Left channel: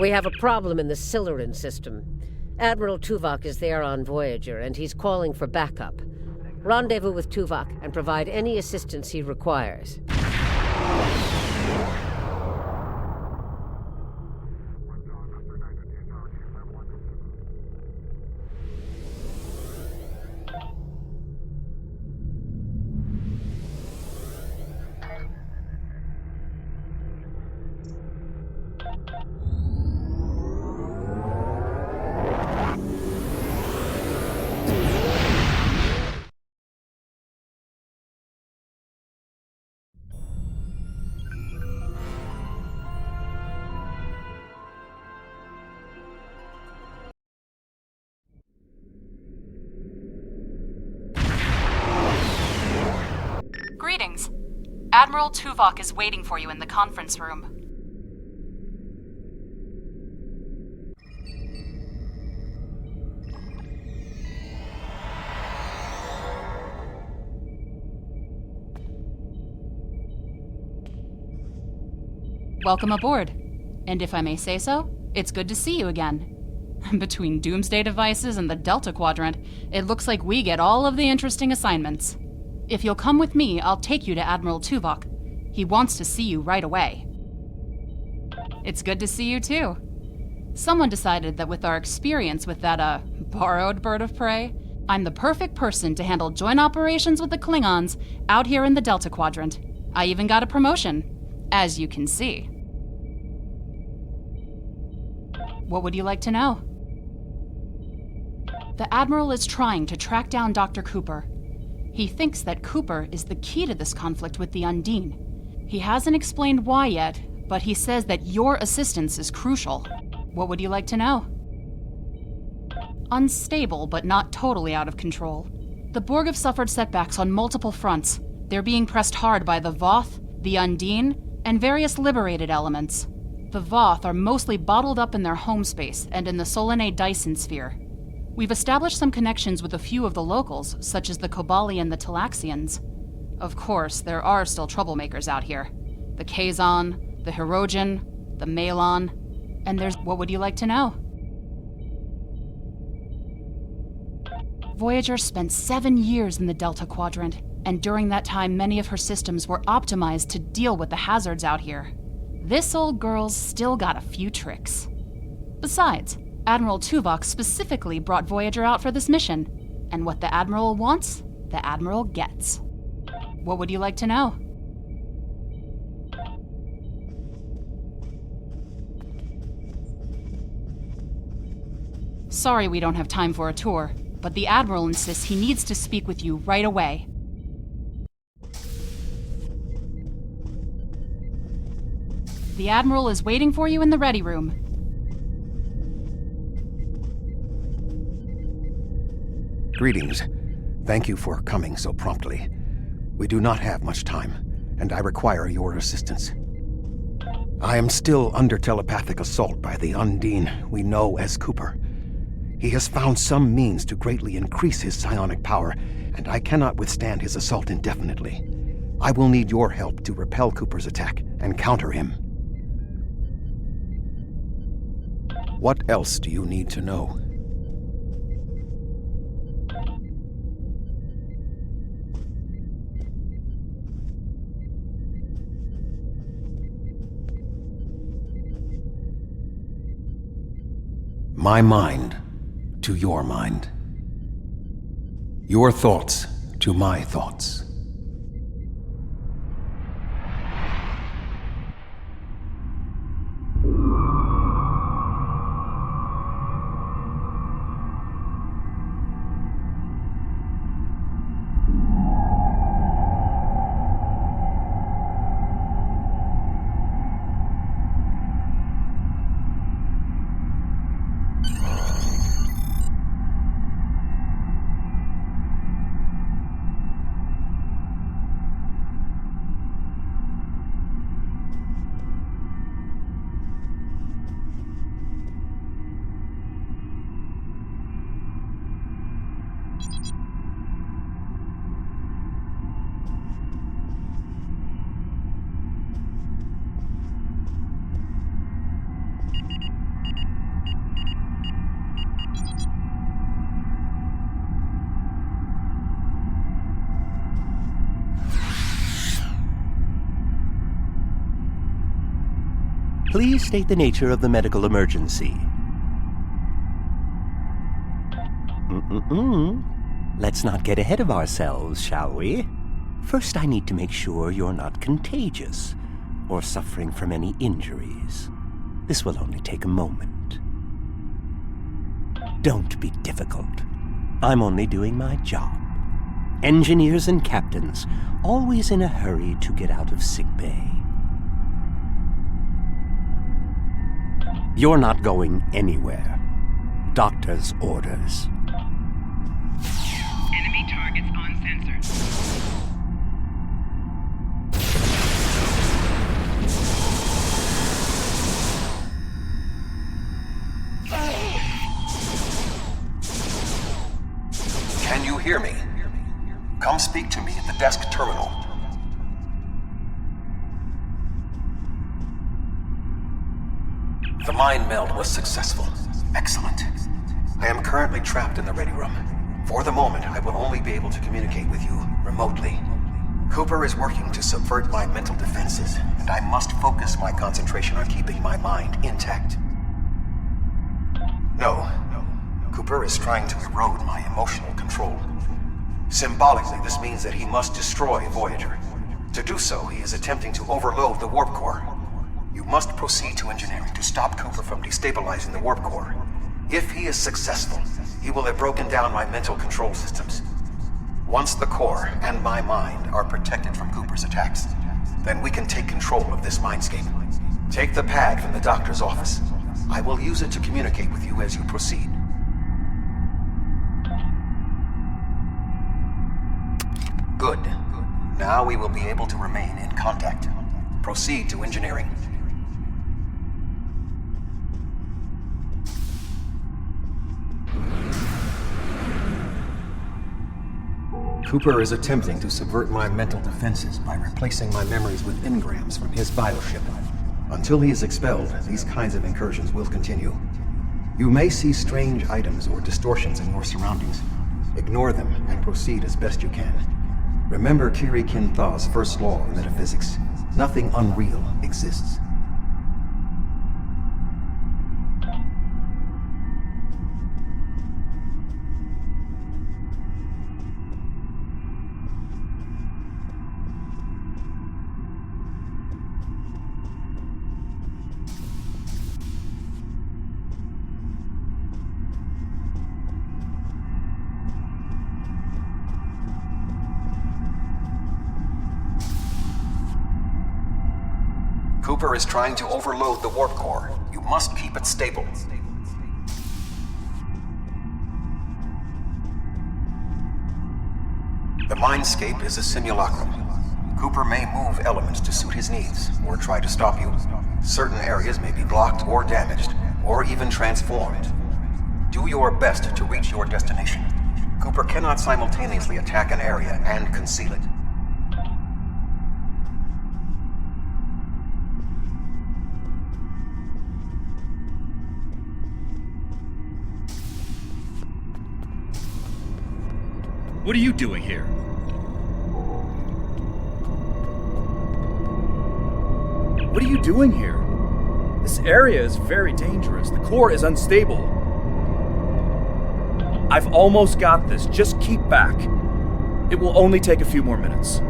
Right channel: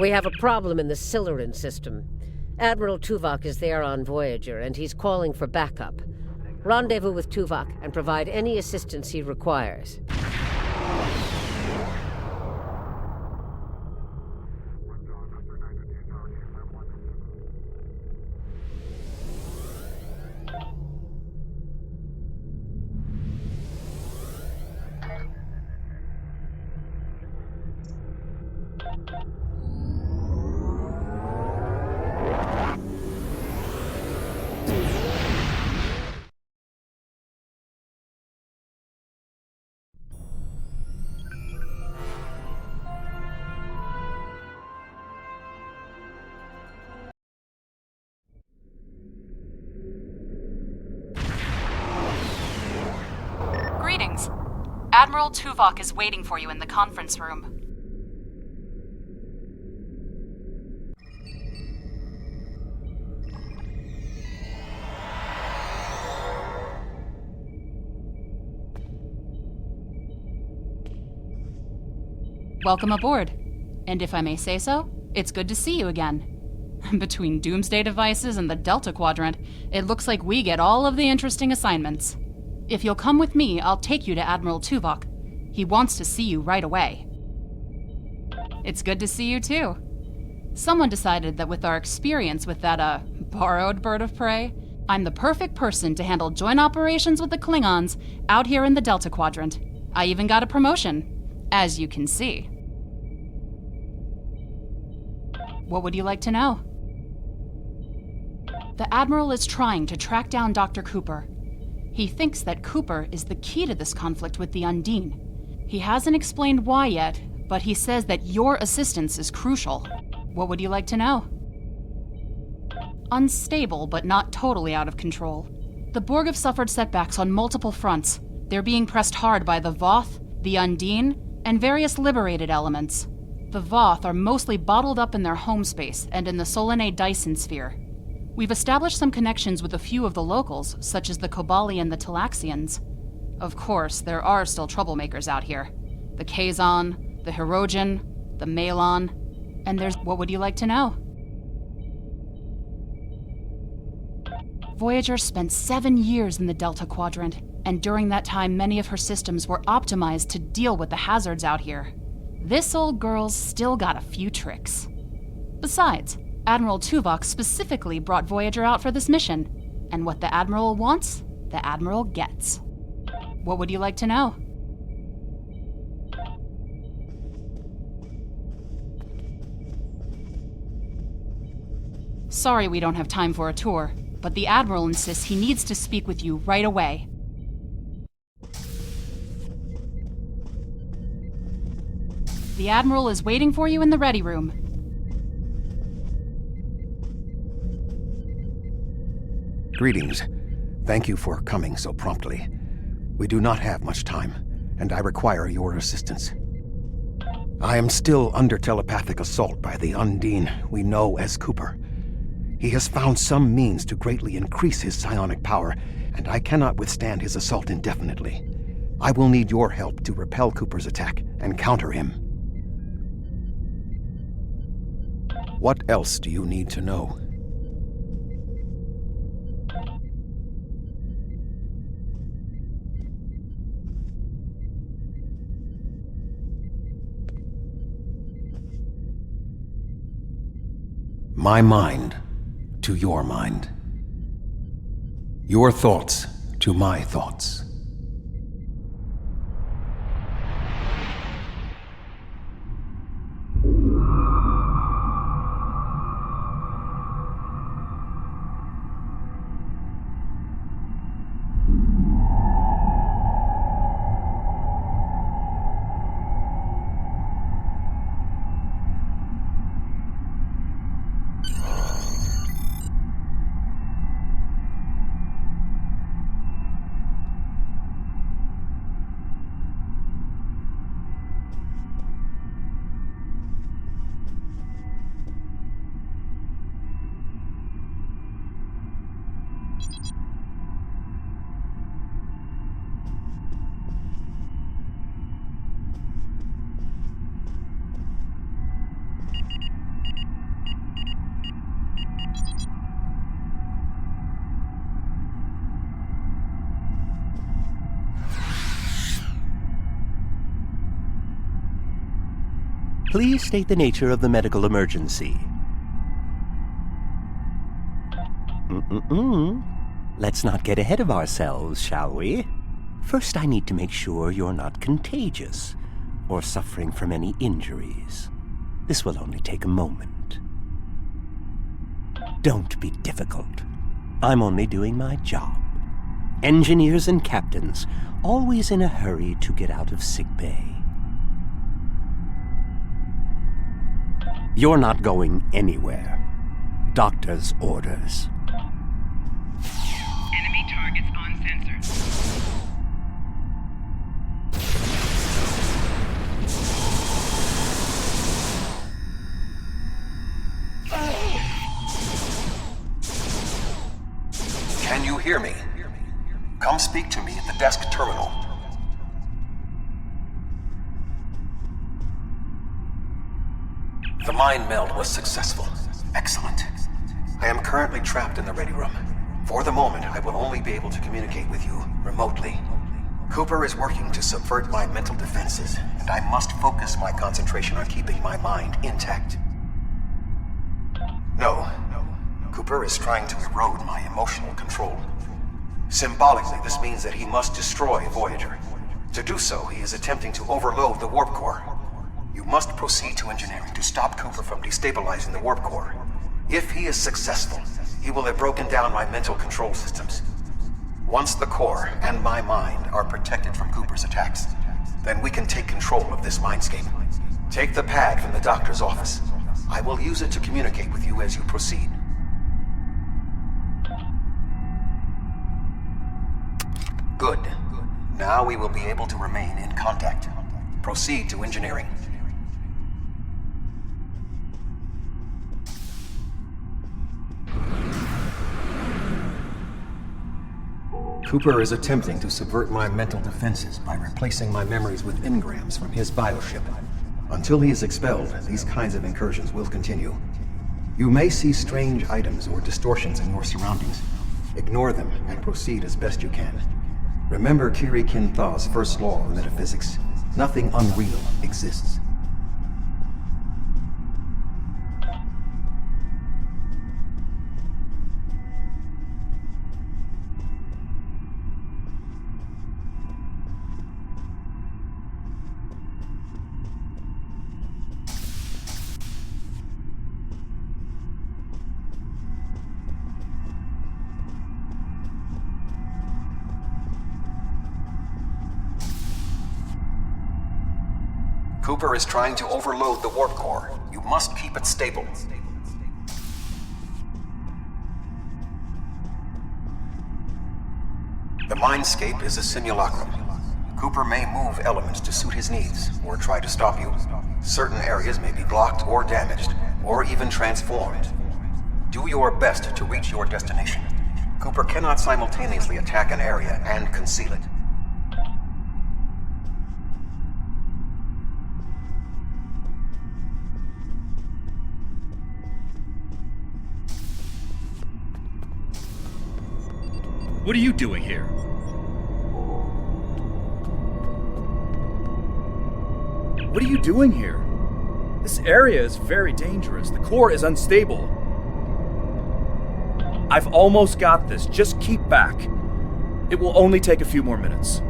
We have a problem in the Siluran system. Admiral Tuvok is there on Voyager, and he's calling for backup. Rendezvous with Tuvok and provide any assistance he requires. Greetings. Admiral Tuvok is waiting for you in the conference room. Welcome aboard. And if I may say so, it's good to see you again. Between doomsday devices and the Delta Quadrant, it looks like we get all of the interesting assignments. If you'll come with me, I'll take you to Admiral Tuvok. He wants to see you right away. It's good to see you too. Someone decided that with our experience with that, borrowed bird of prey, I'm the perfect person to handle joint operations with the Klingons out here in the Delta Quadrant. I even got a promotion, as you can see. What would you like to know? The Admiral is trying to track down Dr. Cooper. He thinks that Cooper is the key to this conflict with the Undine. He hasn't explained why yet, but he says that your assistance is crucial. What would you like to know? Unstable, but not totally out of control. The Borg have suffered setbacks on multiple fronts. They're being pressed hard by the Voth, the Undine, and various liberated elements. The Voth are mostly bottled up in their home space and in the Solanae Dyson sphere. We've established some connections with a few of the locals, such as the Kobali and the Talaxians. Of course, there are still troublemakers out here. The Kazon, the Hirogen, the Malon, and there's... What would you like to know? Voyager spent 7 years in the Delta Quadrant, and during that time many of her systems were optimized to deal with the hazards out here. This old girl's still got a few tricks. Besides, Admiral Tuvok specifically brought Voyager out for this mission, and what the Admiral wants, the Admiral gets. What would you like to know? Sorry we don't have time for a tour, but the Admiral insists he needs to speak with you right away. The Admiral is waiting for you in the ready room. Greetings. Thank you for coming so promptly. We do not have much time, and I require your assistance. I am still under telepathic assault by the Undine we know as Cooper. He has found some means to greatly increase his psionic power, and I cannot withstand his assault indefinitely. I will need your help to repel Cooper's attack and counter him. What else do you need to know? My mind to your mind. Your thoughts to my thoughts. Please state the nature of the medical emergency. Let's not get ahead of ourselves, shall we? First, I need to make sure you're not contagious or suffering from any injuries. This will only take a moment. Don't be difficult. I'm only doing my job. Engineers and captains, always in a hurry to get out of sickbay. You're not going anywhere. Doctor's orders. Enemy targets on sensors. Can you hear me? Come speak to me at the desk terminal. The mind meld was successful. Excellent. I am currently trapped in the ready room. For the moment, I will only be able to communicate with you remotely. Cooper is working to subvert my mental defenses, and I must focus my concentration on keeping my mind intact. No. Cooper is trying to erode my emotional control. Symbolically, this means that he must destroy Voyager. To do so, he is attempting to overload the warp core. You must proceed to engineering to stop Cooper from destabilizing the warp core. If he is successful, he will have broken down my mental control systems. Once the core and my mind are protected from Cooper's attacks, then we can take control of this mindscape. Take the pad from the doctor's office. I will use it to communicate with you as you proceed. Good. Now we will be able to remain in contact. Proceed to engineering. Cooper is attempting to subvert my mental defenses by replacing my memories with engrams from his bioship. Until he is expelled, these kinds of incursions will continue. You may see strange items or distortions in your surroundings. Ignore them and proceed as best you can. Remember Kiri Kinthaw's first law of metaphysics. Nothing unreal exists. Cooper is trying to overload the warp core. You must keep it stable. The Mindscape is a simulacrum. Cooper may move elements to suit his needs, or try to stop you. Certain areas may be blocked or damaged, or even transformed. Do your best to reach your destination. Cooper cannot simultaneously attack an area and conceal it. What are you doing here? What are you doing here? This area is very dangerous. The core is unstable. I've almost got this. Just keep back. It will only take a few more minutes.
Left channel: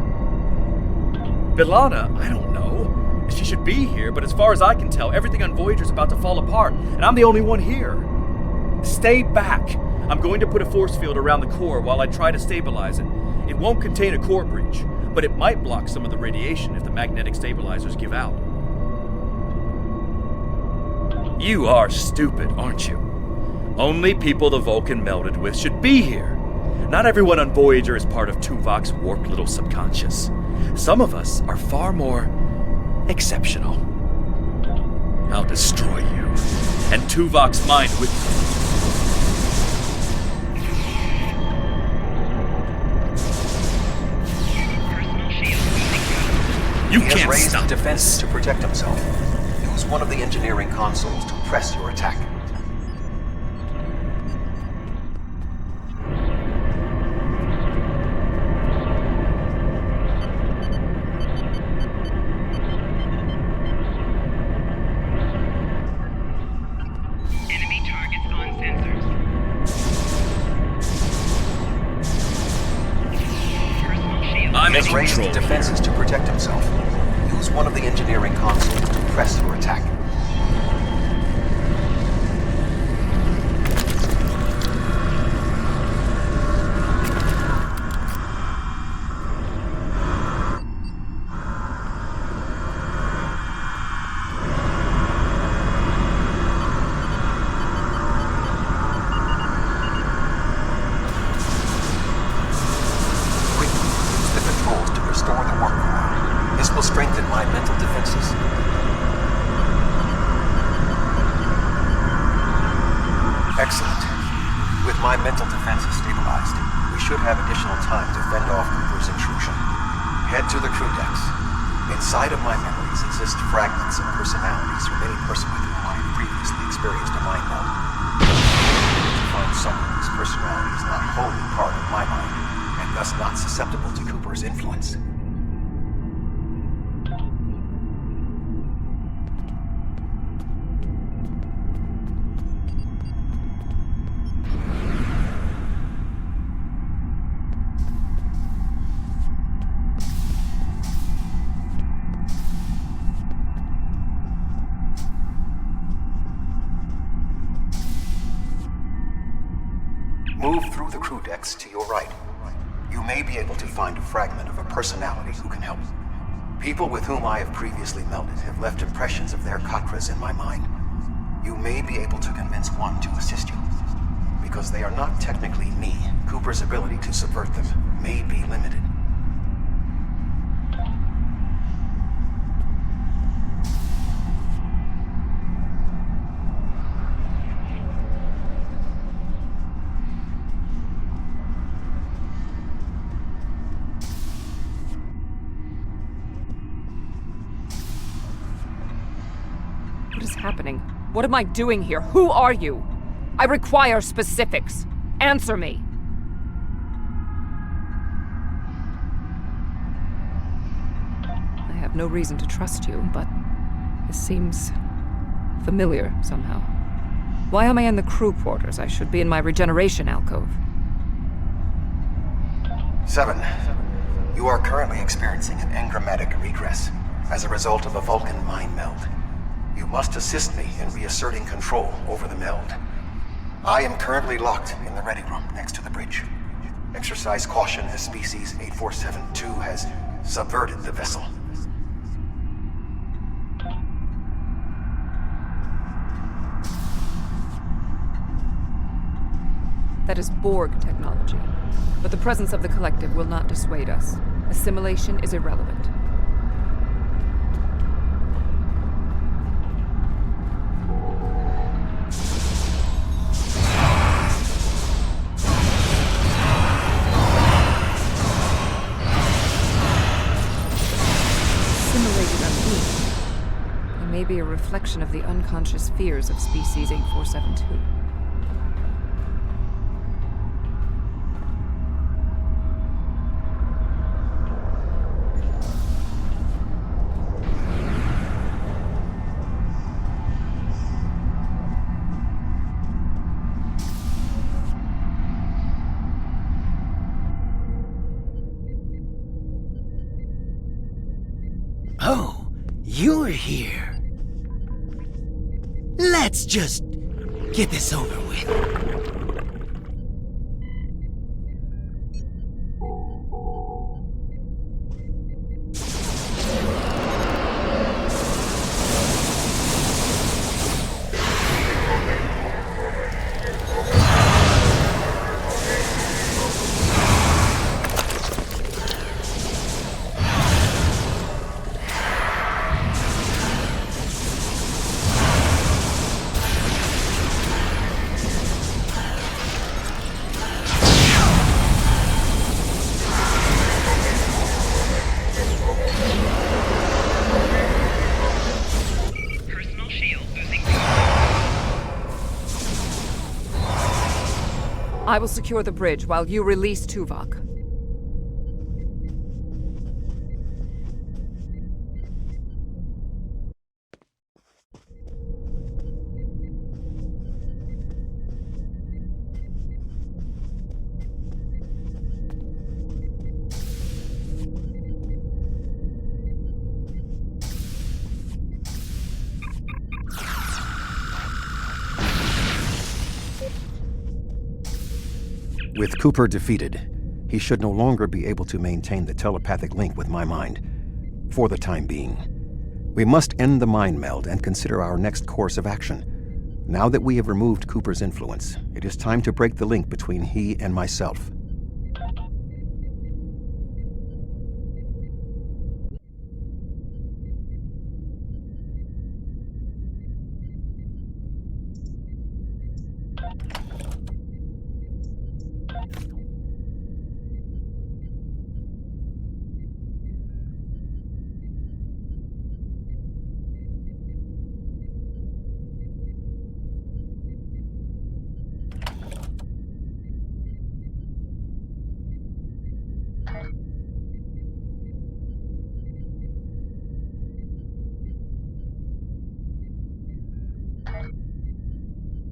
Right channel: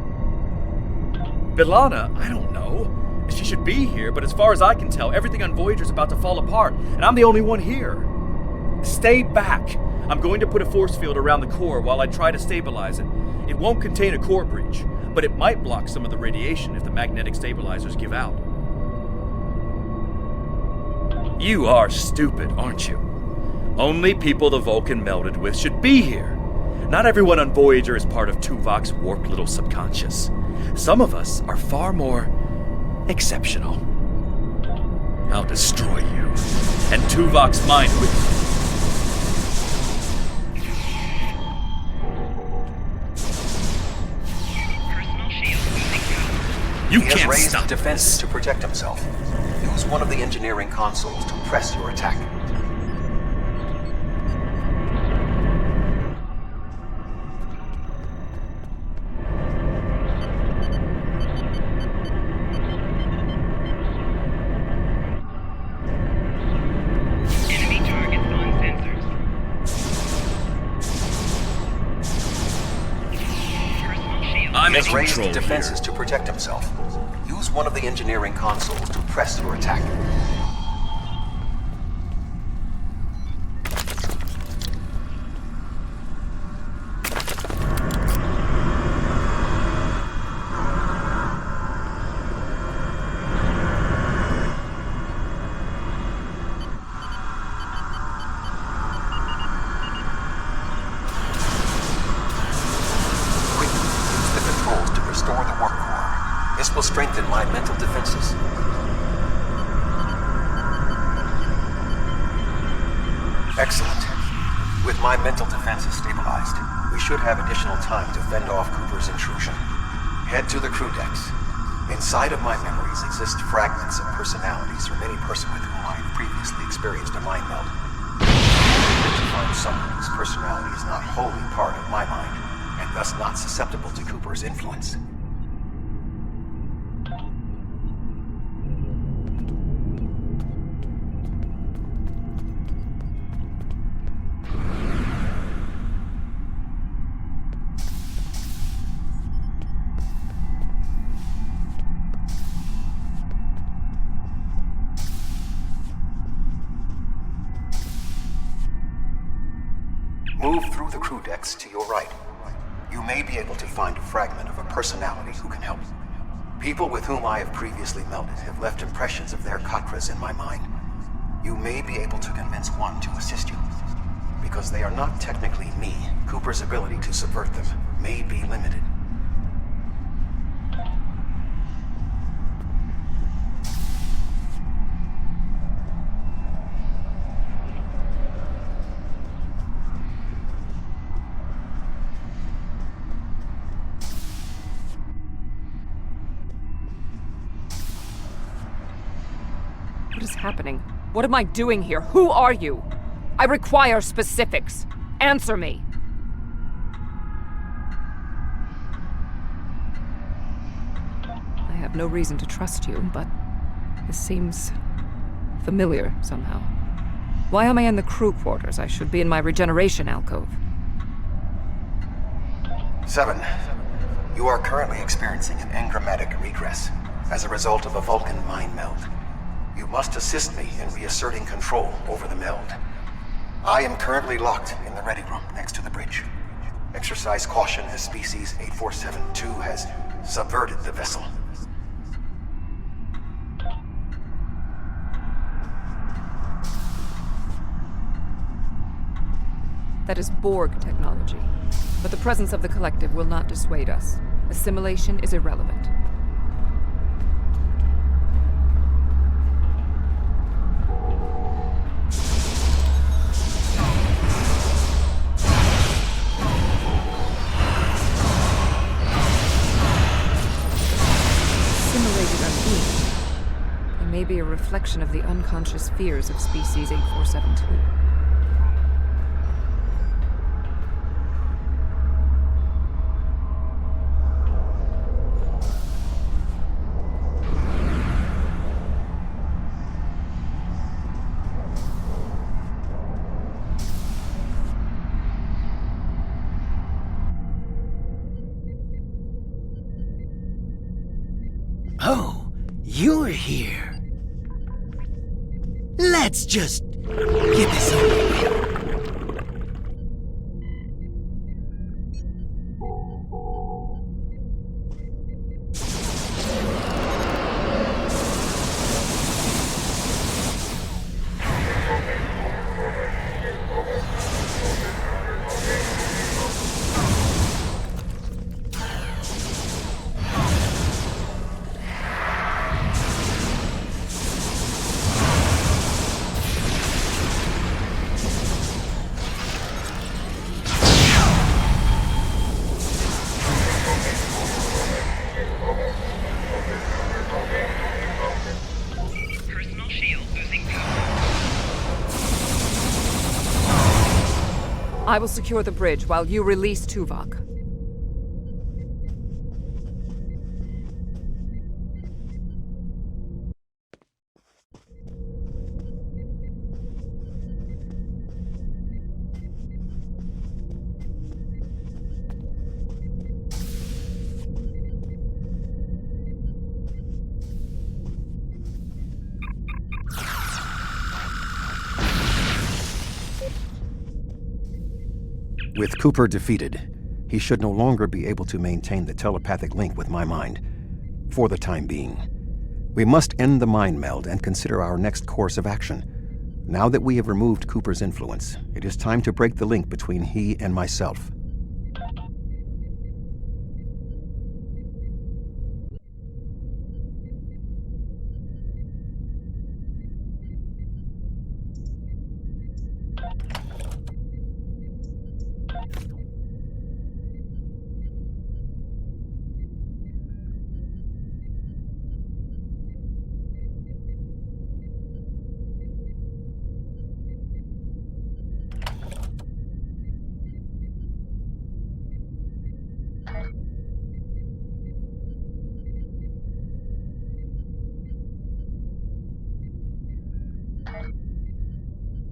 B'Elanna, I don't know. She should be here, but as far as I can tell, everything on Voyager's about to fall apart, and I'm the only one here. Stay back. I'm going to put a force field around the core while I try to stabilize it. It won't contain a core breach, but it might block some of the radiation if the magnetic stabilizers give out. You are stupid, aren't you? Only people the Vulcan melded with should be here. Not everyone on Voyager is part of Tuvok's warped little subconscious. Some of us are far more exceptional. I'll destroy you, and Tuvok's mind with you. You he can't has raised stop defenses this. to protect himself. Use one of the engineering consoles to press your attack. I'm He in has raised control defenses to protect himself. Use one of the engineering consoles to press your attack. Strengthen my mental defenses. Excellent. With my mental defenses stabilized, we should have additional time to fend off Cooper's intrusion. Head to the crew decks. Inside of my memories exist fragments of personalities from any person with whom I have previously experienced a mind meld. To find someone whose personality is not wholly part of my mind, and thus not susceptible to Cooper's influence. Move through the crew decks to your right. You may be able to find a fragment of a personality who can help. People with whom I have previously melded have left impressions of their Katras in my mind. You may be able to convince one to assist you. Because they are not technically me, Cooper's ability to subvert them may be limited. What is happening? What am I doing here? Who are you? I require specifics. Answer me. I have no reason to trust you, but this seems familiar somehow. Why am I in the crew quarters? I should be in my regeneration alcove. 7. You are currently experiencing an engrammatic regress as a result of a Vulcan mind meld. You must assist me in reasserting control over the meld. I am currently locked in the ready room next to the bridge. Exercise caution as species 8472 has subverted the vessel. That is Borg technology. But the presence of the Collective will not dissuade us. Assimilation is irrelevant. They may be a reflection of the unconscious fears of species 8472. Oh, you're here. Let's just get this over with. I will secure the bridge while you release Tuvok. With Cooper defeated, he should no longer be able to maintain the telepathic link with my mind, for the time being. We must end the mind meld and consider our next course of action. Now that we have removed Cooper's influence, it is time to break the link between he and myself.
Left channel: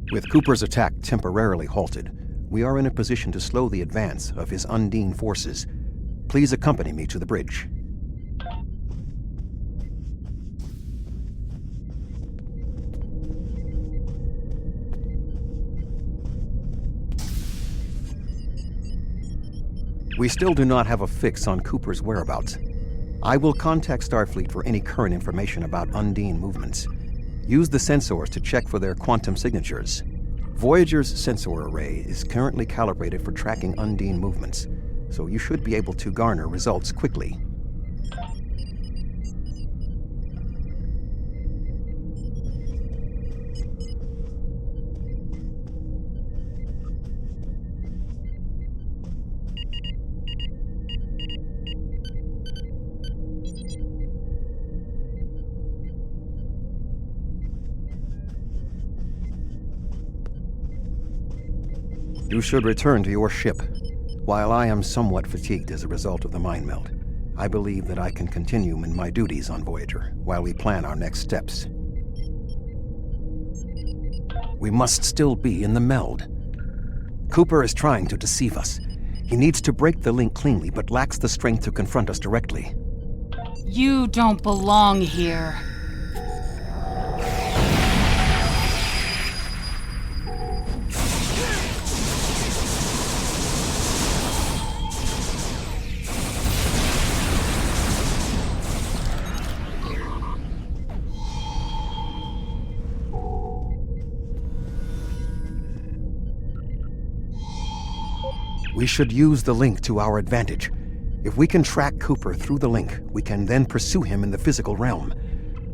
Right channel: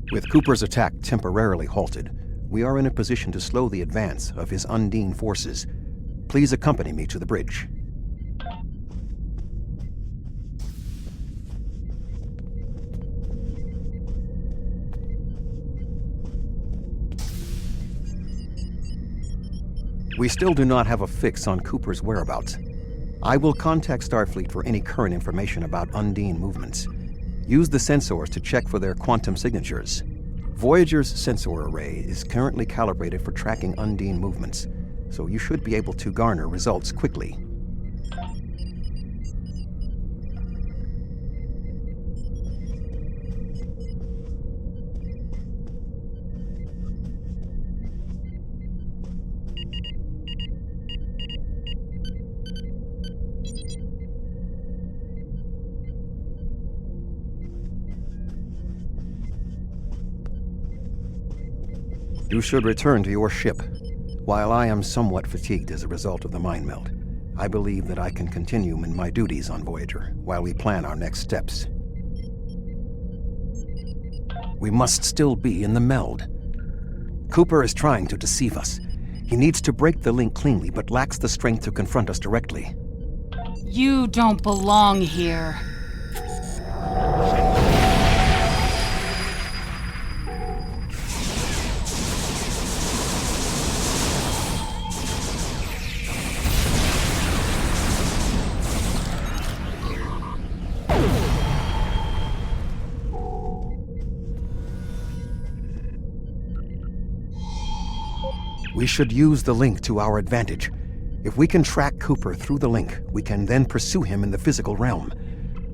With Cooper's attack temporarily halted, we are in a position to slow the advance of his Undine forces. Please accompany me to the bridge. We still do not have a fix on Cooper's whereabouts. I will contact Starfleet for any current information about Undine movements. Use the sensors to check for their quantum signatures. Voyager's sensor array is currently calibrated for tracking Undine movements, so you should be able to garner results quickly. You should return to your ship. While I am somewhat fatigued as a result of the mind meld, I believe that I can continue in my duties on Voyager while we plan our next steps. We must still be in the meld. Cooper is trying to deceive us. He needs to break the link cleanly, but lacks the strength to confront us directly. You don't belong here. We should use the link to our advantage. If we can track Cooper through the link, we can then pursue him in the physical realm.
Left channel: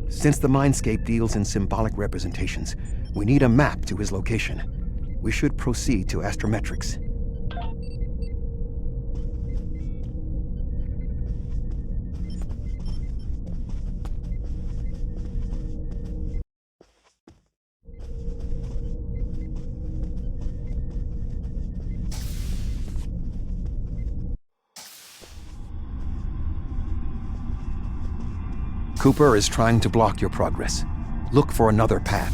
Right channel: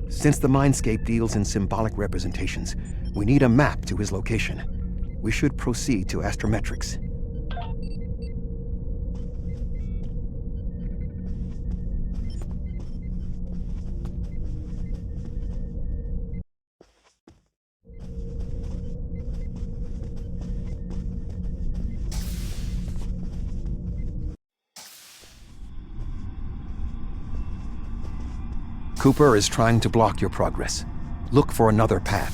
Since the Mindscape deals in symbolic representations, we need a map to his location. We should proceed to astrometrics. Cooper is trying to block your progress. Look for another path.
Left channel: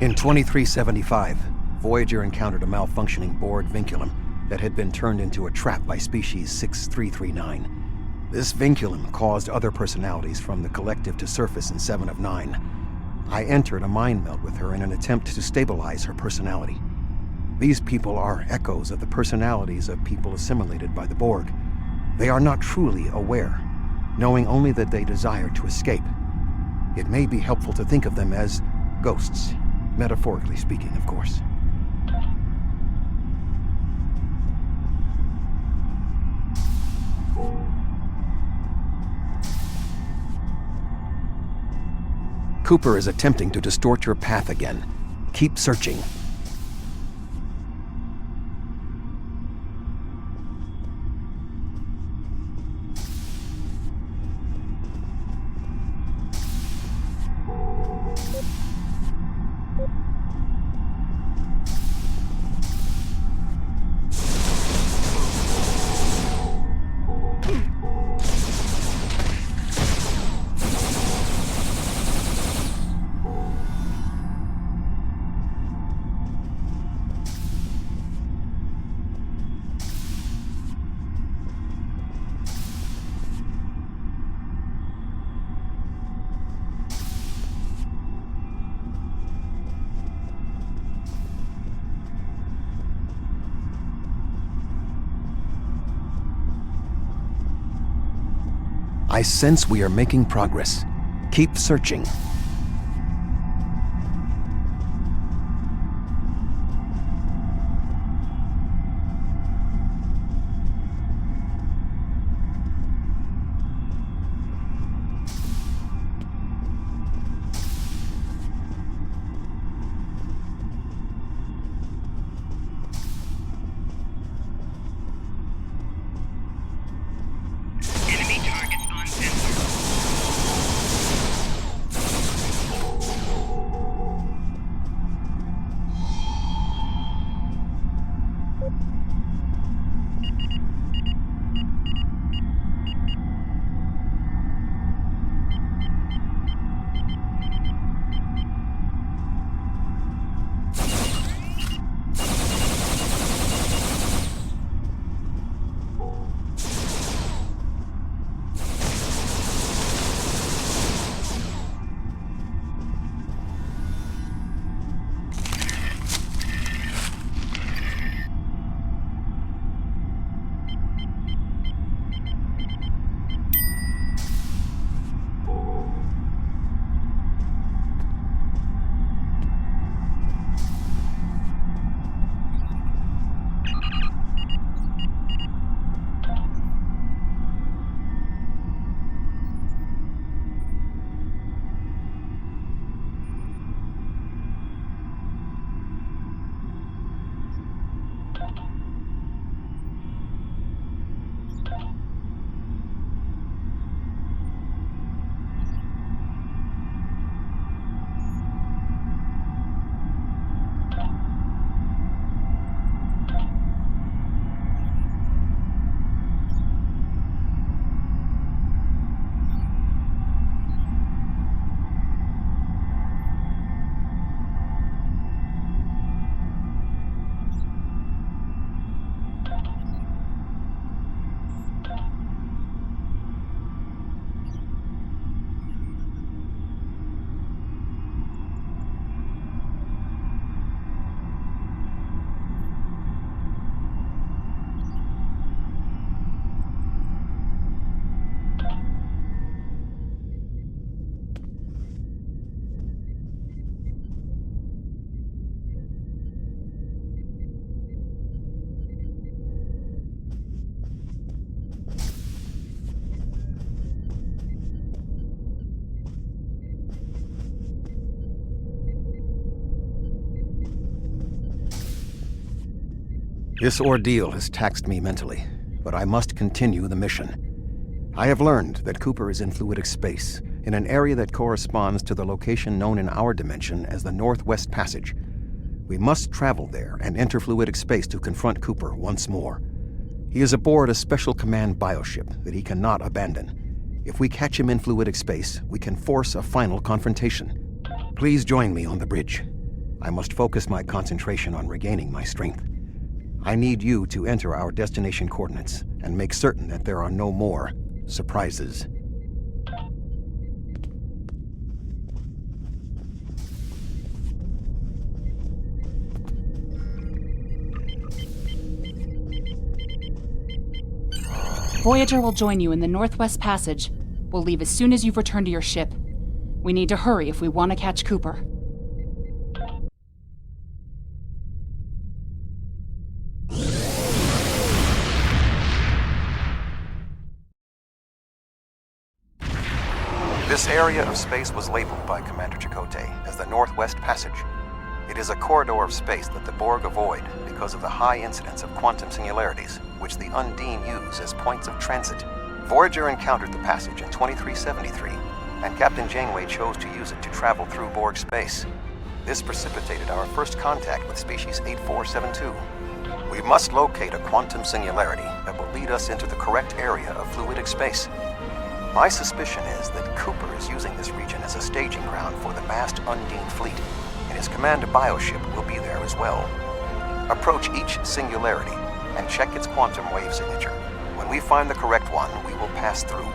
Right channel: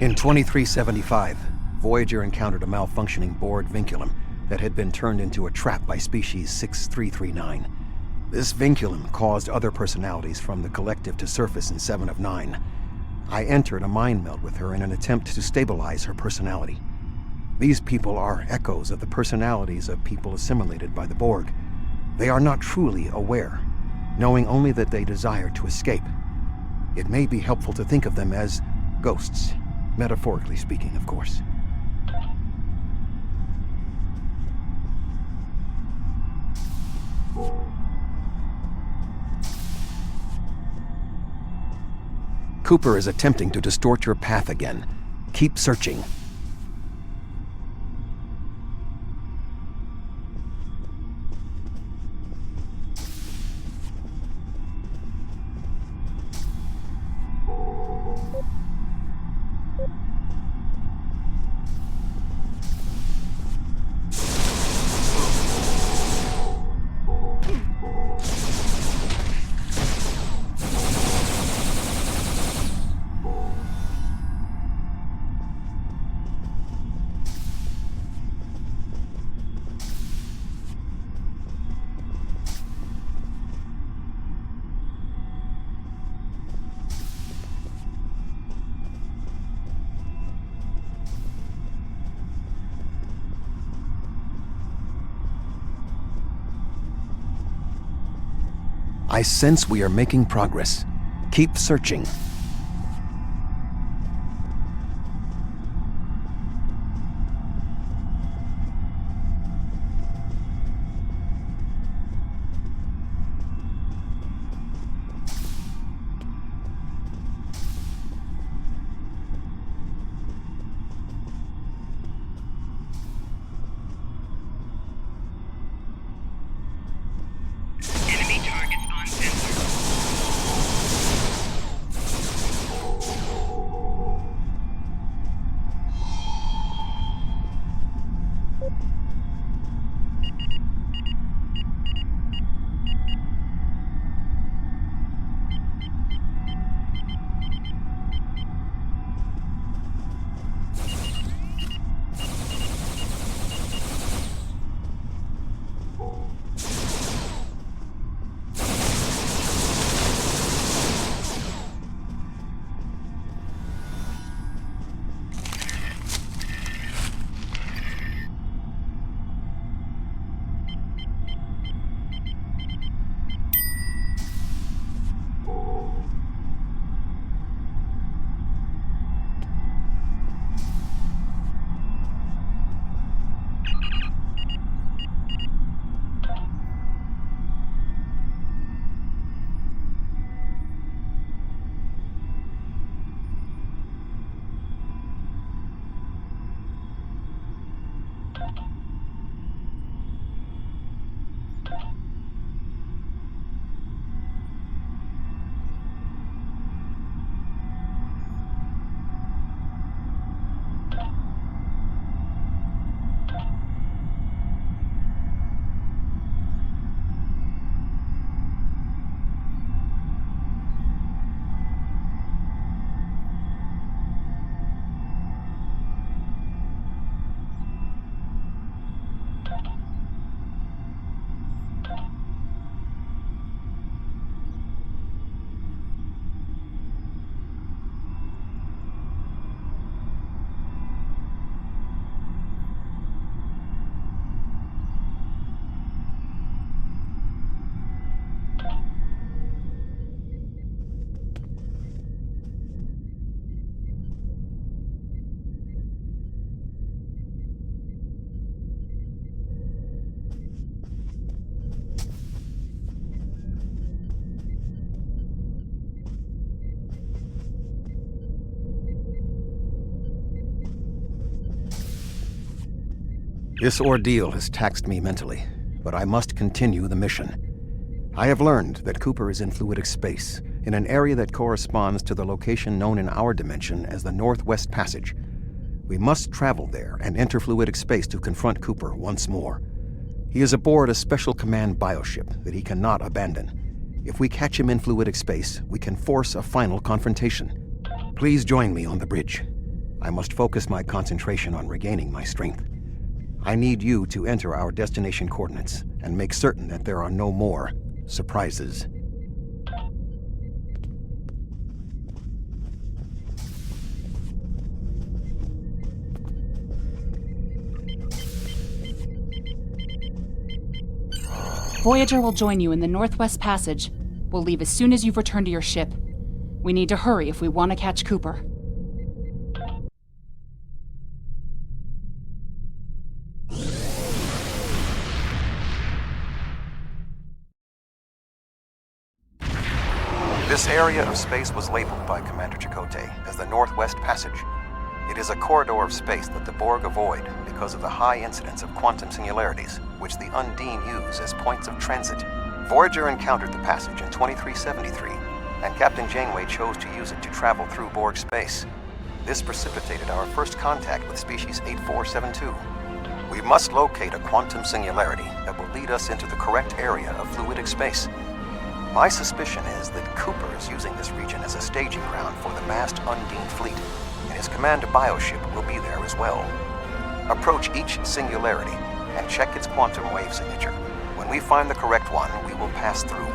In 2375, Voyager encountered a malfunctioning board vinculum that had been turned into a trap by species 6339. This vinculum caused other personalities from the collective to surface in 7 of 9. I entered a mind meld with her in an attempt to stabilize her personality. These people are echoes of the personalities of people assimilated by the Borg. They are not truly aware, knowing only that they desire to escape. It may be helpful to think of them as ghosts, metaphorically speaking, of course. Cooper is attempting to distort your path again. Keep searching. I sense we are making progress. Keep searching. Enemy targets on sensor. This ordeal has taxed me mentally, but I must continue the mission. I have learned that Cooper is in fluidic space, in an area that corresponds to the location known in our dimension as the Northwest Passage. We must travel there and enter fluidic space to confront Cooper once more. He is aboard a special command bioship that he cannot abandon. If we catch him in fluidic space, we can force a final confrontation. Please join me on the bridge. I must focus my concentration on regaining my strength. I need you to enter our destination coordinates and make certain that there are no more surprises. Voyager will join you in the Northwest Passage. We'll leave as soon as you've returned to your ship. We need to hurry if we want to catch Cooper. This area of space was labeled by Commander Chakotay as the Northwest Passage. It is a corridor of space that the Borg avoid because of the high incidence of quantum singularities, which the Undine use as points of transit. Voyager encountered the passage in 2373, and Captain Janeway chose to use it to travel through Borg space. This precipitated our first contact with species 8472. We must locate a quantum singularity that will lead us into the correct area of fluidic space. My suspicion is that Cooper is using this region as a staging ground for the massed Undine fleet, and his command bioship will be there as well. Approach each singularity and check its quantum wave signature. When we find the correct one, we will pass through.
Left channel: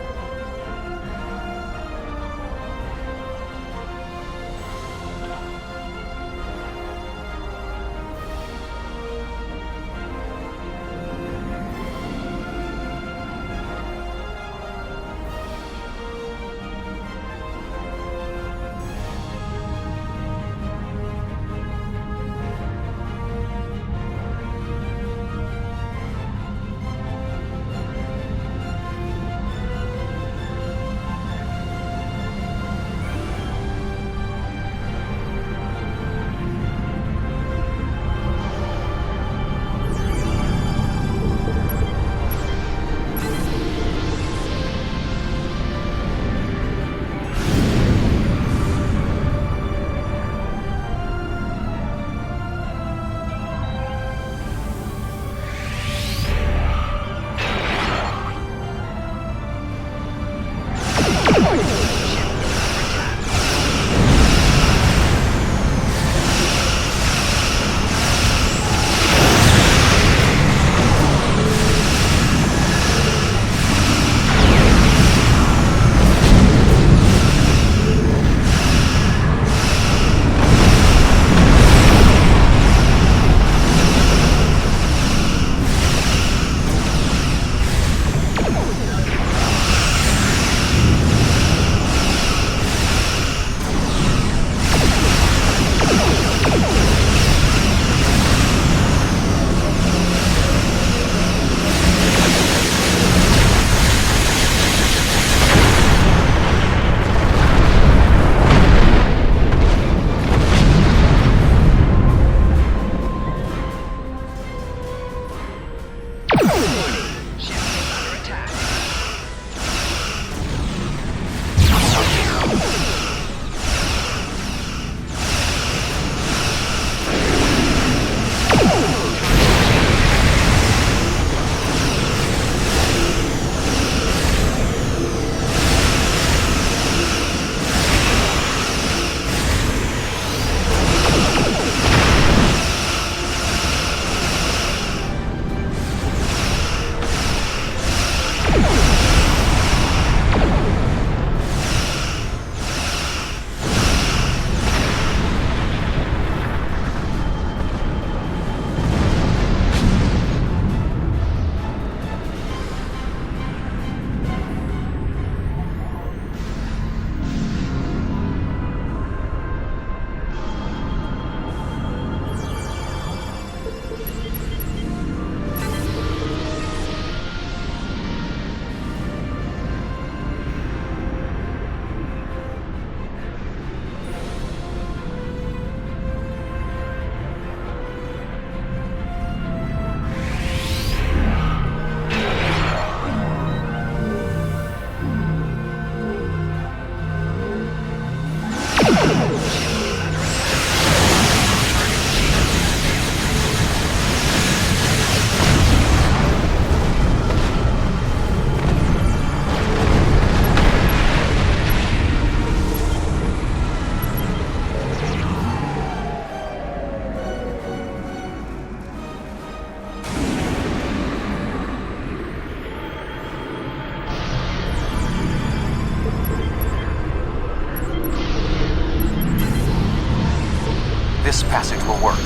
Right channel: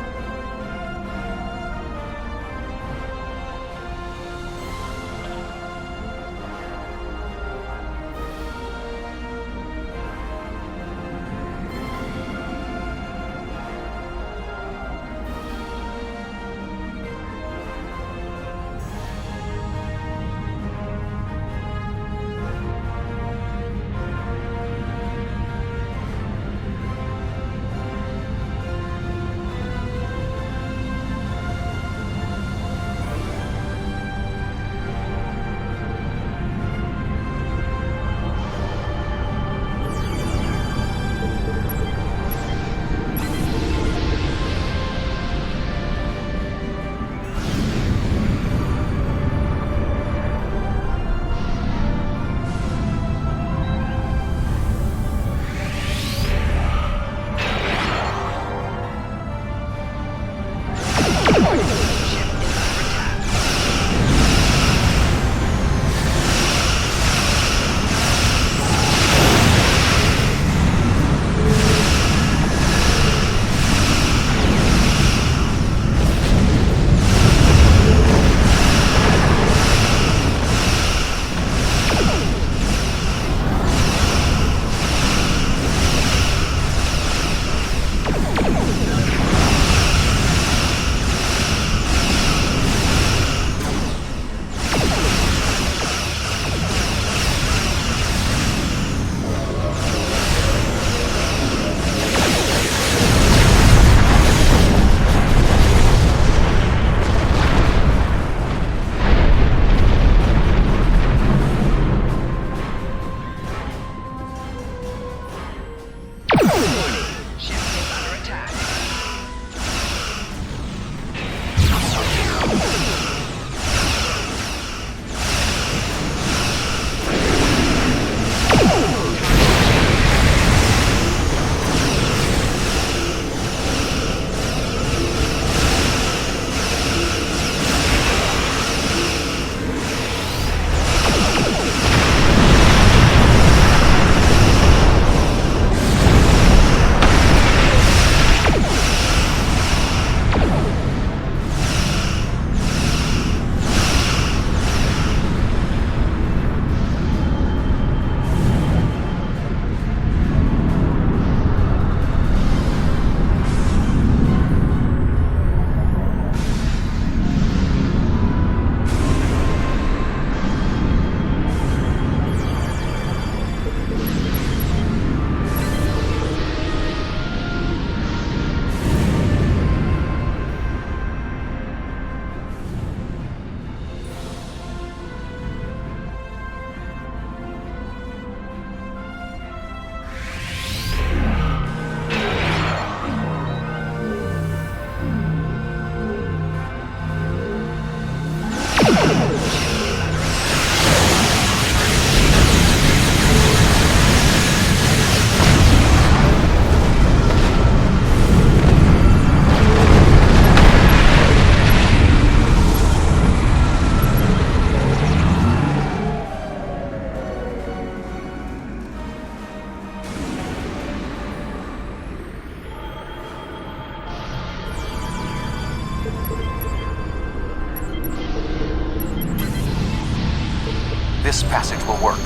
passage will work.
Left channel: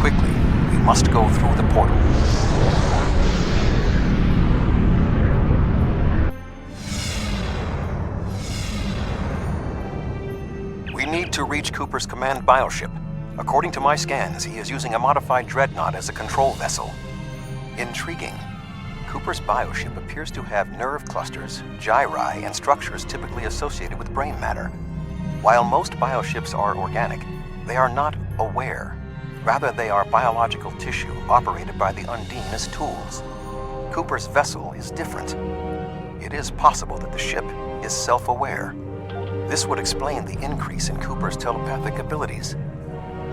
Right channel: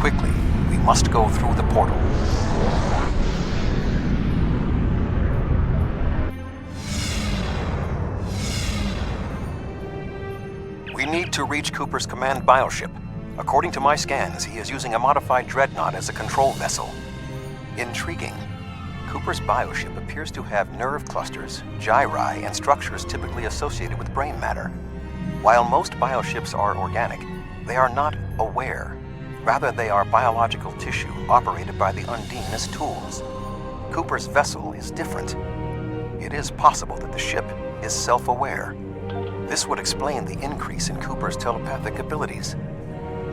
Quickly, we must go through the portal. We need to reach Cooper's command bioship. According to my scans, he is using a modified dreadnought as a control vessel. Intriguing. Cooper's bioship appears to have nerve clusters, gyri, and structures typically associated with brain matter. While most bioships are organic, they are not aware. Rather, they are biological tissue operated by the Undine as tools. Cooper's vessel is different. It is possible that the ship is self-aware. This would explain the increase in Cooper's telepathic abilities.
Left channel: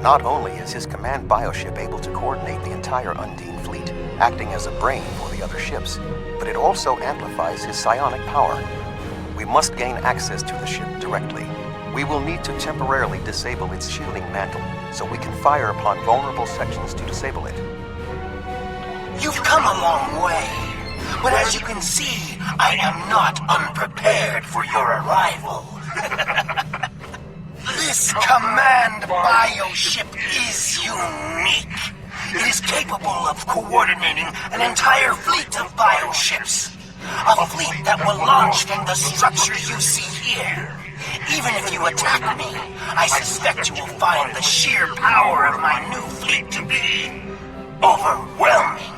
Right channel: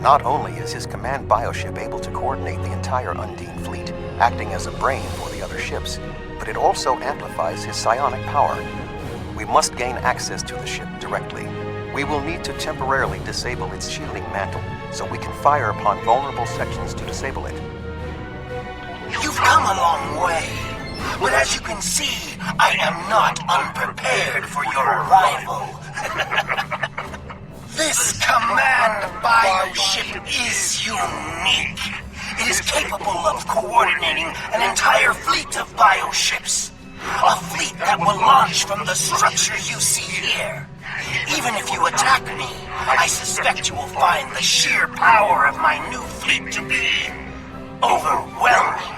Not only is his command bioship able to coordinate the entire Undine fleet, acting as a brain for the other ships, but it also amplifies his psionic power. We must gain access to the ship directly. We will need to temporarily disable its shielding mantle, so we can fire upon vulnerable sections to disable it. You've come a long way, but as you can see, I am not unprepared for your arrival. This command bioship is unique. It is capable of coordinating an entire fleet of bioships. A fleet that will launch from the structures you see here. Even if you attack me, I suspect you will find the sheer power of my new fleet to be overwhelming.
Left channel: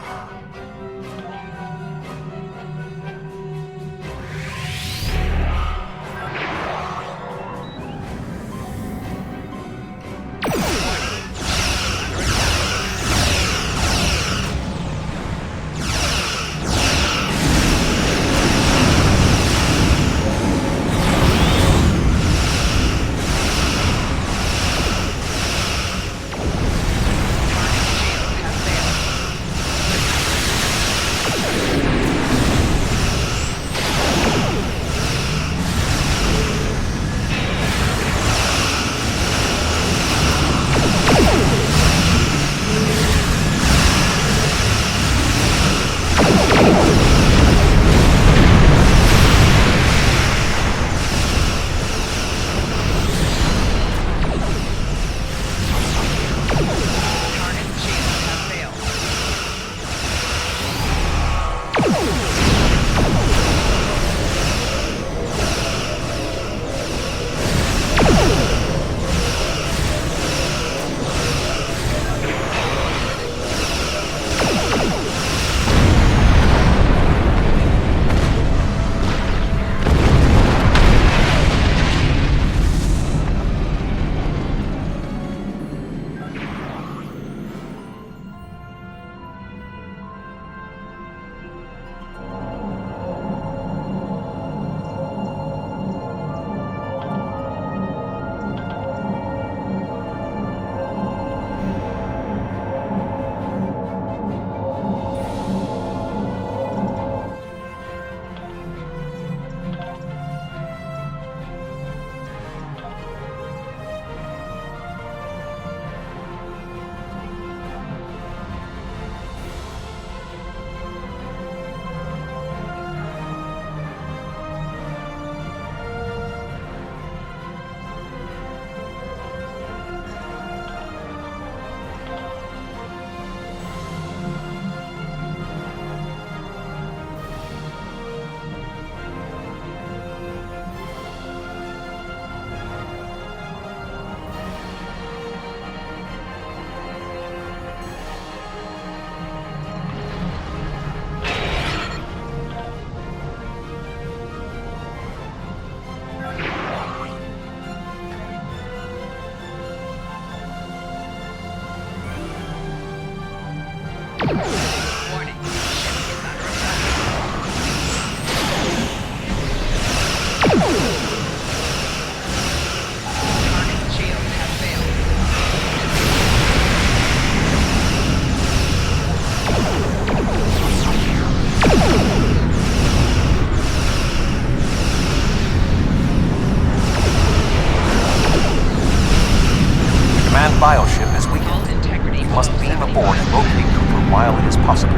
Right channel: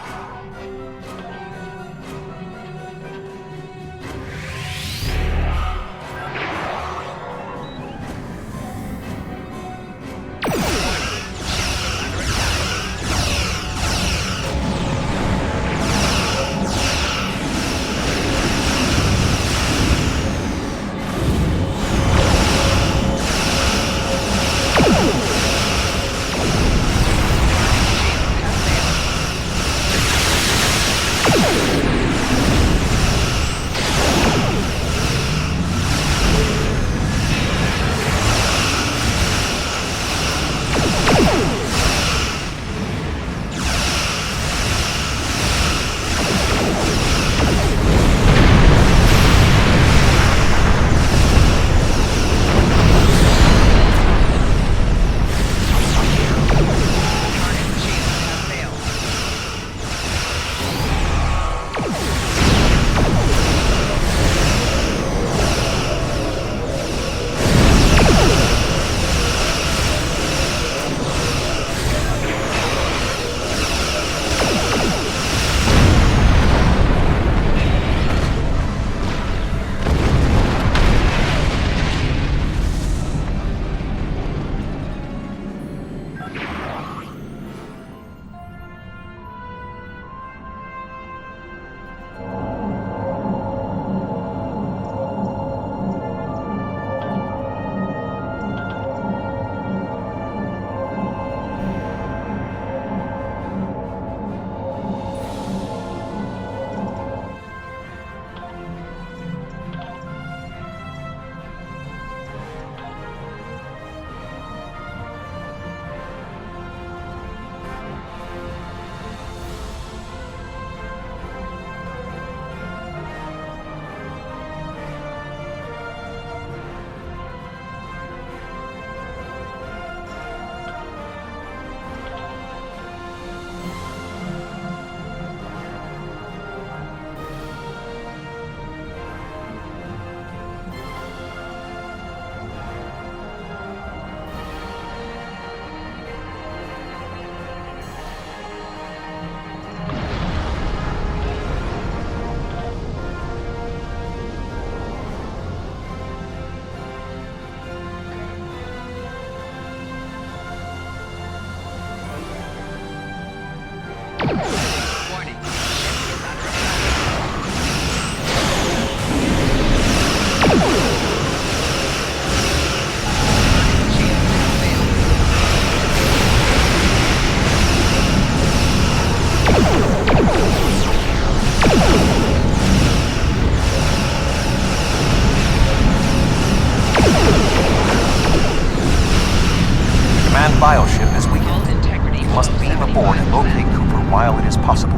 Bioship is weakened. We must beam aboard and locate Cooper while it is possible.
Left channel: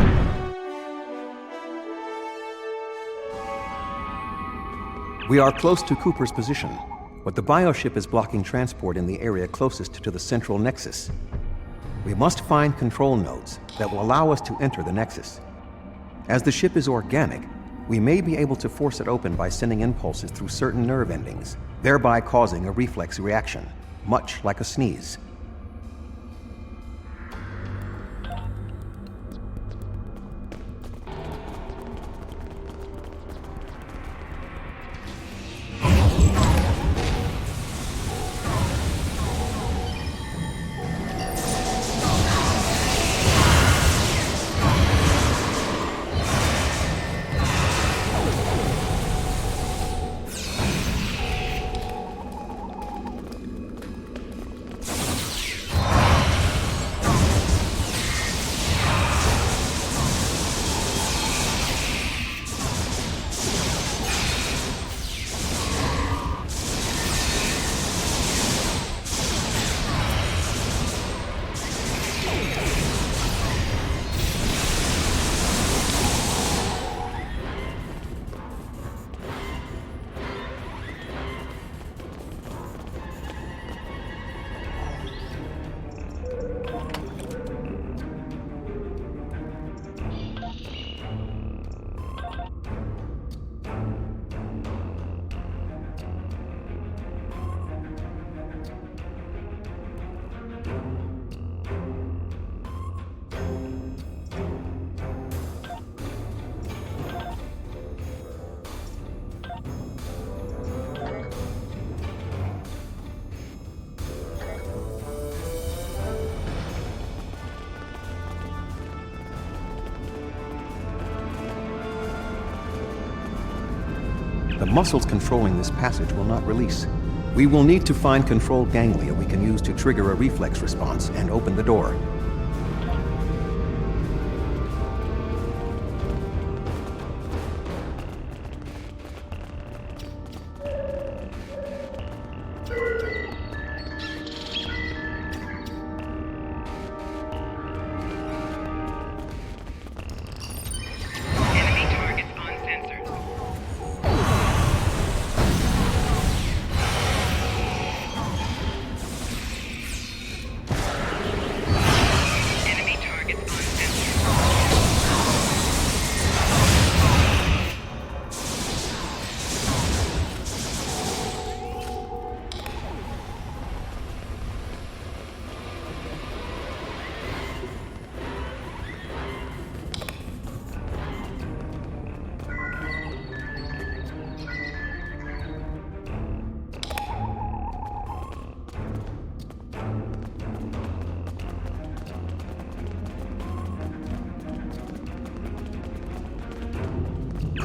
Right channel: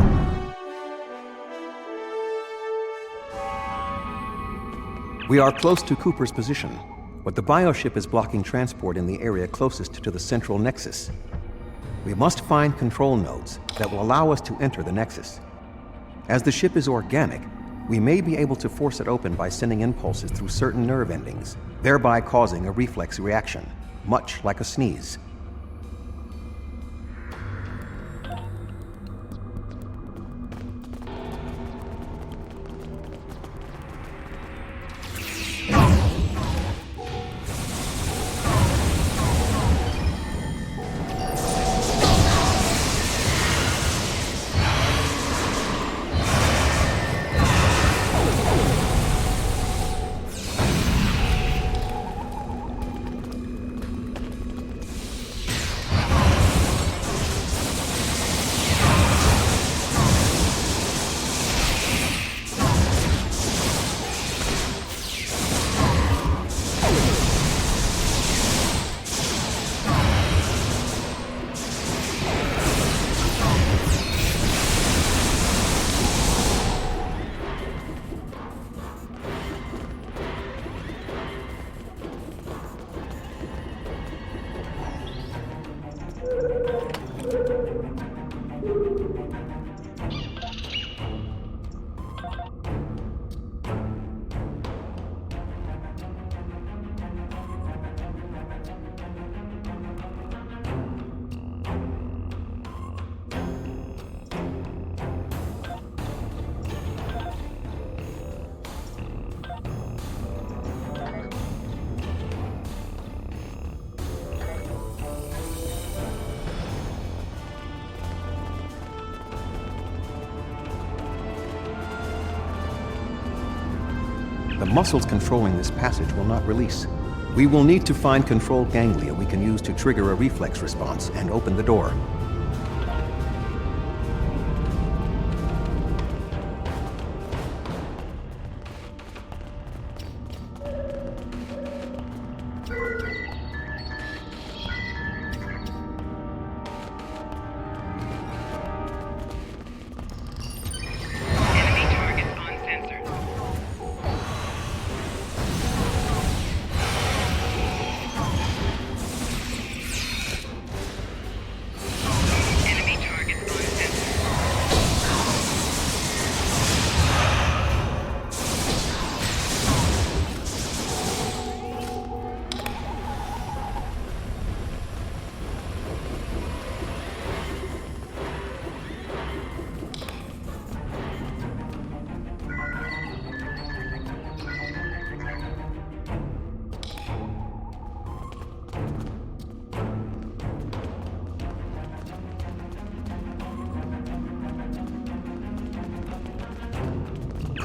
We are close to Cooper's position, but the bioship is blocking transport in the area closest to the central nexus. We must find control nodes that will allow us to enter the Nexus. As the ship is organic, we may be able to force it open by sending impulses through certain nerve endings, thereby causing a reflex reaction, much like a sneeze. The muscles controlling this passage will not release. We will need to find controlled ganglia we can use to trigger a reflex response and open the door.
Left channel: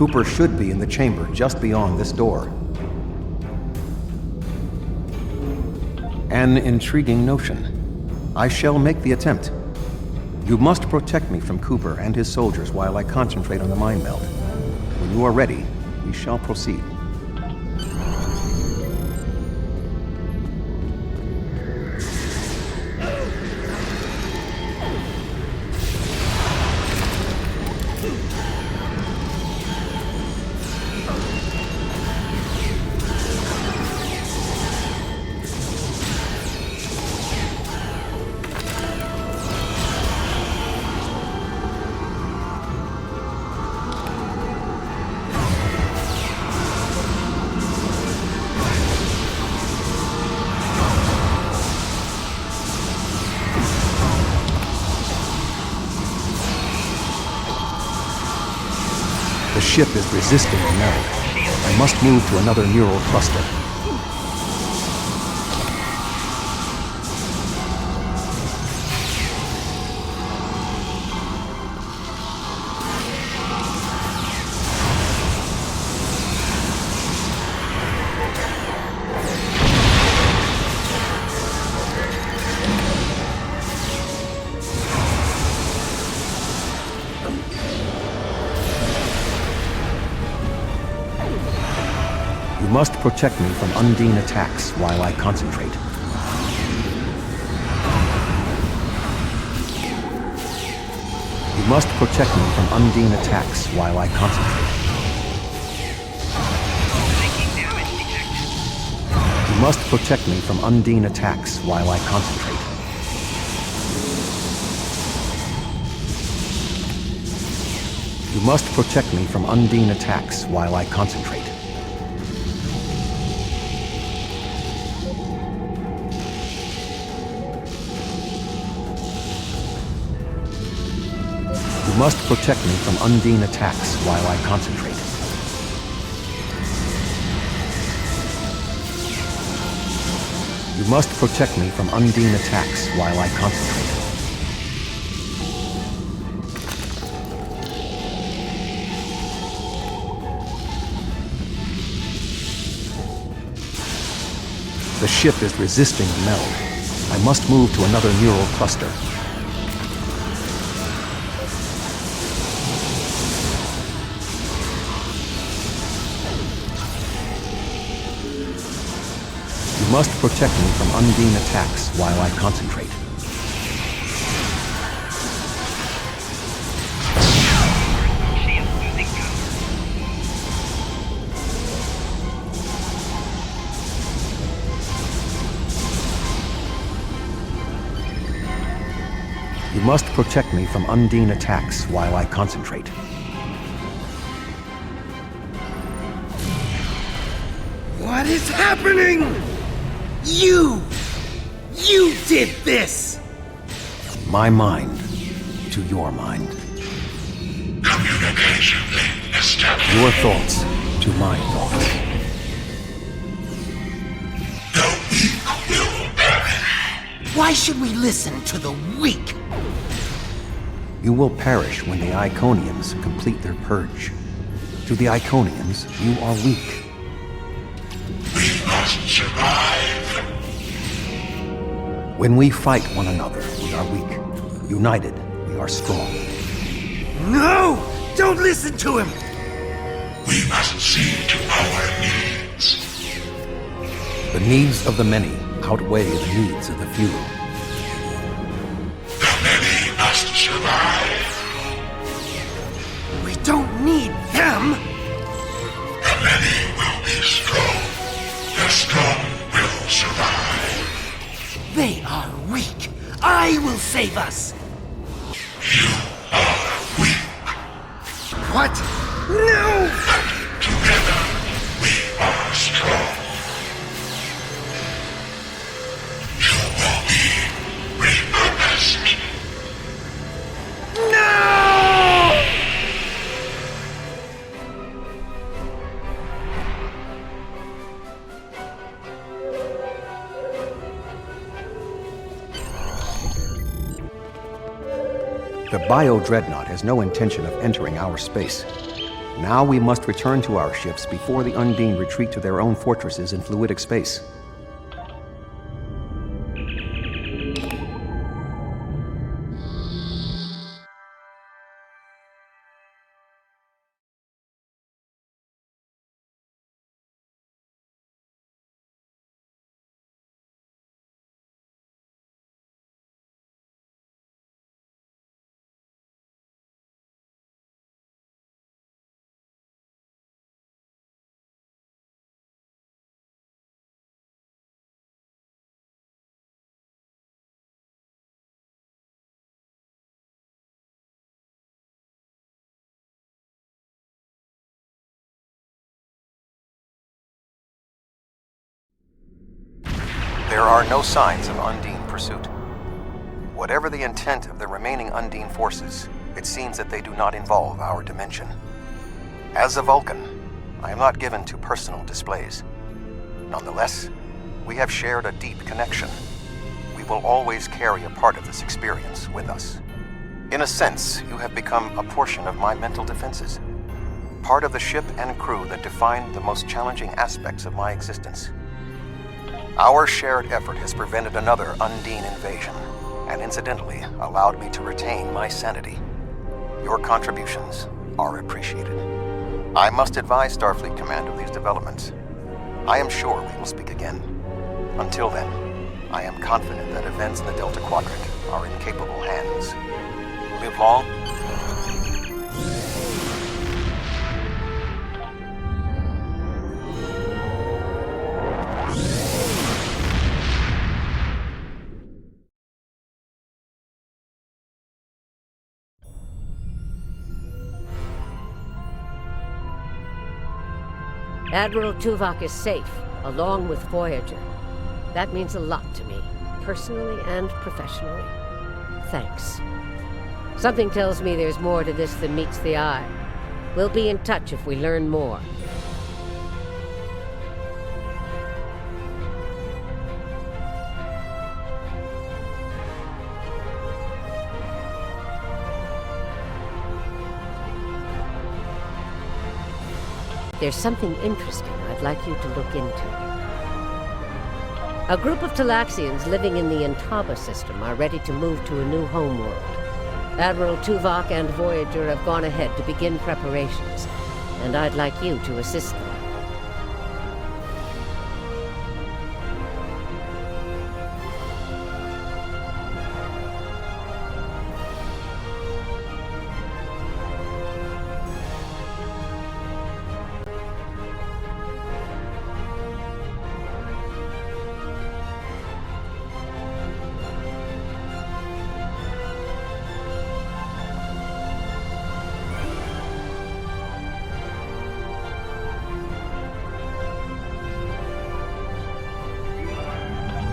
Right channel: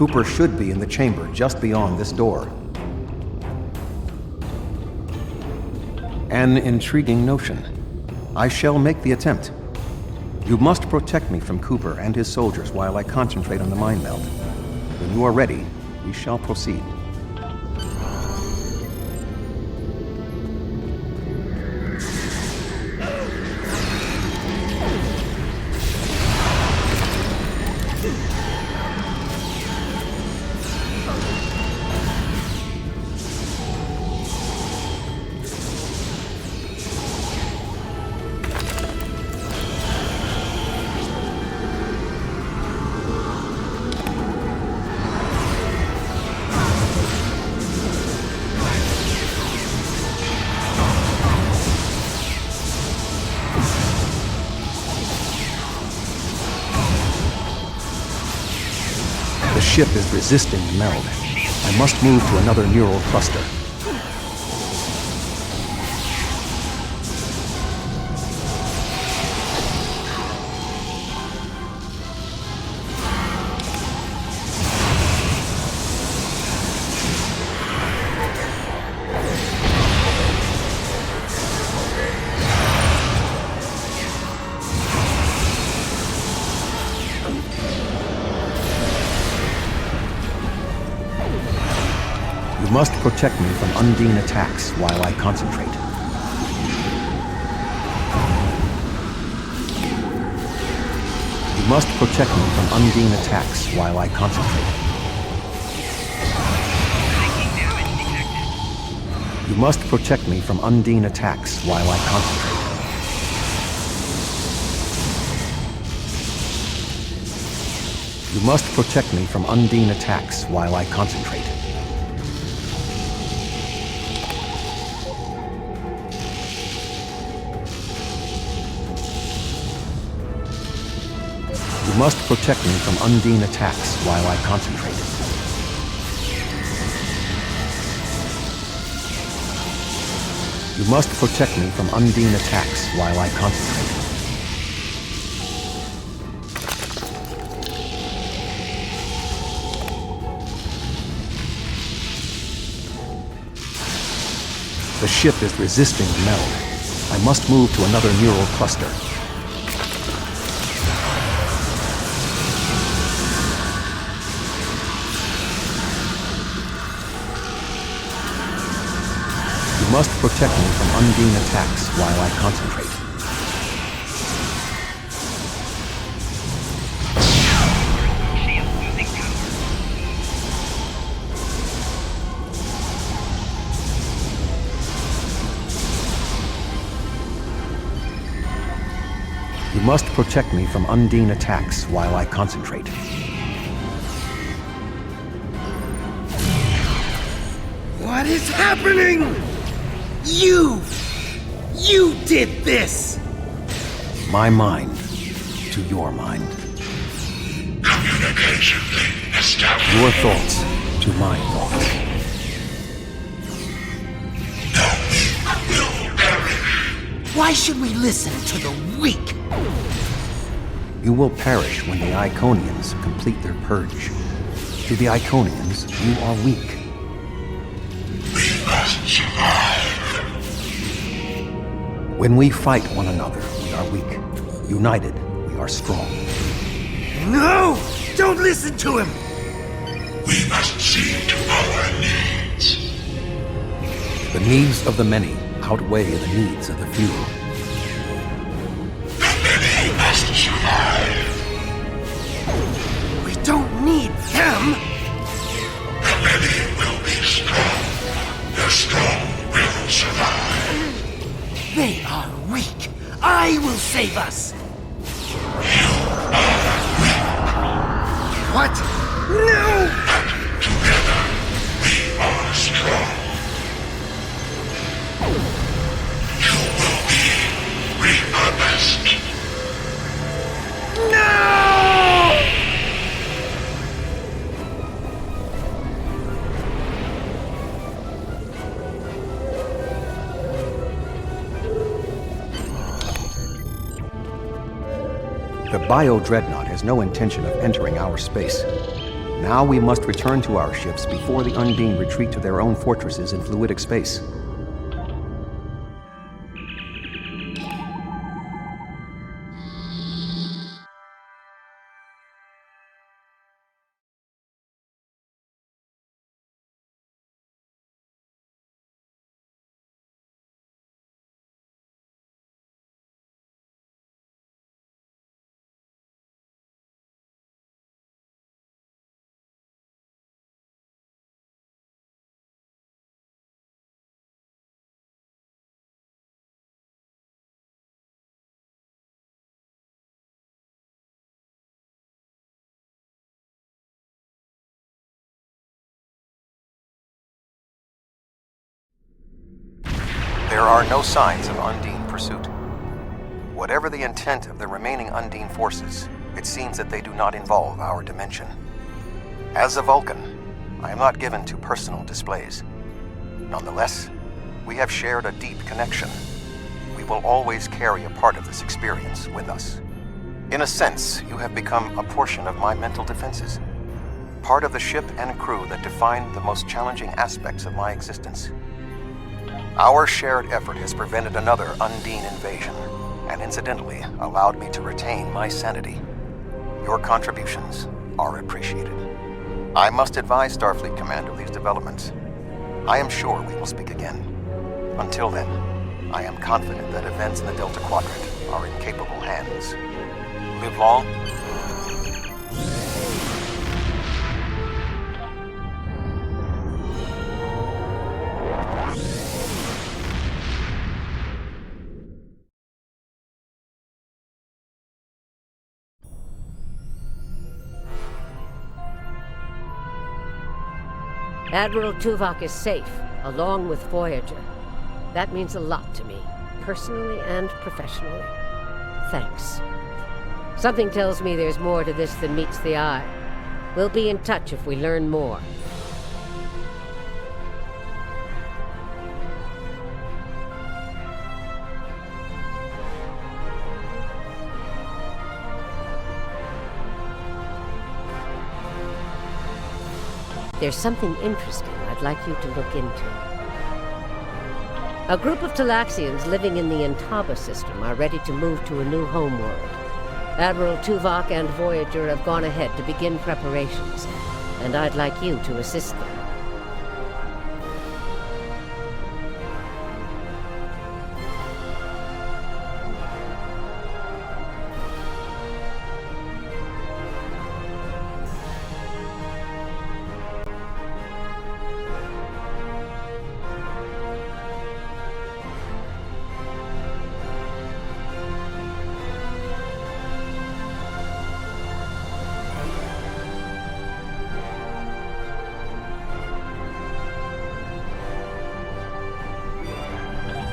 Cooper should be in the chamber just beyond this door. An intriguing notion. I shall make the attempt. You must protect me from Cooper and his soldiers while I concentrate on the mind meld. When you are ready, we shall proceed. The ship is resisting the meld. I must move to another neural cluster. You must protect me from Undine attacks while I concentrate. You must protect me from Undine attacks while I concentrate. You must protect me from Undine attacks while I concentrate. You must protect me from Undine attacks while I concentrate. You must protect me from Undine attacks while I concentrate. You must protect me from Undine attacks while I concentrate. The ship is resisting the meld. I must move to another neural cluster. You must protect me from Undine attacks while I concentrate. She is losing power. You must protect me from Undine attacks while I concentrate. What is happening? You did this! My mind to your mind. Communication link established. Your thoughts to my thoughts. The weak will perish. Why should we listen to the weak? You will perish when the Iconians complete their purge. To the Iconians, you are weak. We must survive. When we fight one another, we are weak. United, we are strong. No! Don't listen to him! We must see to our needs. The needs of the many outweigh the needs of the few. The many must survive. We don't need them! The many will be strong. The strong will survive. They are weak. I will save us! You are weak. What? No! Together, we are strong. You will be repurposed. No! The Bio-Dreadnought has no intention of entering our space. Now we must return to our ships before the Undine retreat to their own fortresses in fluidic space. There are no signs of Undine pursuit. Whatever the intent of the remaining Undine forces, it seems that they do not involve our dimension. As a Vulcan, I am not given to personal displays. Nonetheless, we have shared a deep connection. We will always carry a part of this experience with us. In a sense, you have become a portion of my mental defenses. Part of the ship and crew that define the most challenging aspects of my existence. Our shared effort has prevented another Undine invasion, and incidentally allowed me to retain my sanity. Your contributions are appreciated. I must advise Starfleet Command of these developments. I am sure we will speak again. Until then, I am confident that events in the Delta Quadrant are in capable hands. Live long. Admiral Tuvok is safe, along with Voyager. That means a lot to me, personally and professionally. Thanks. Something tells me there's more to this than meets the eye. We'll be in touch if we learn more. There's something interesting I'd like you to look into. A group of Talaxians living in the Intaba system are ready to move to a new homeworld. Admiral Tuvok and Voyager have gone ahead to begin preparations, and I'd like you to assist them.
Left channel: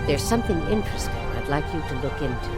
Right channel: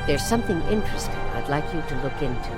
There's something interesting I'd like you to look into.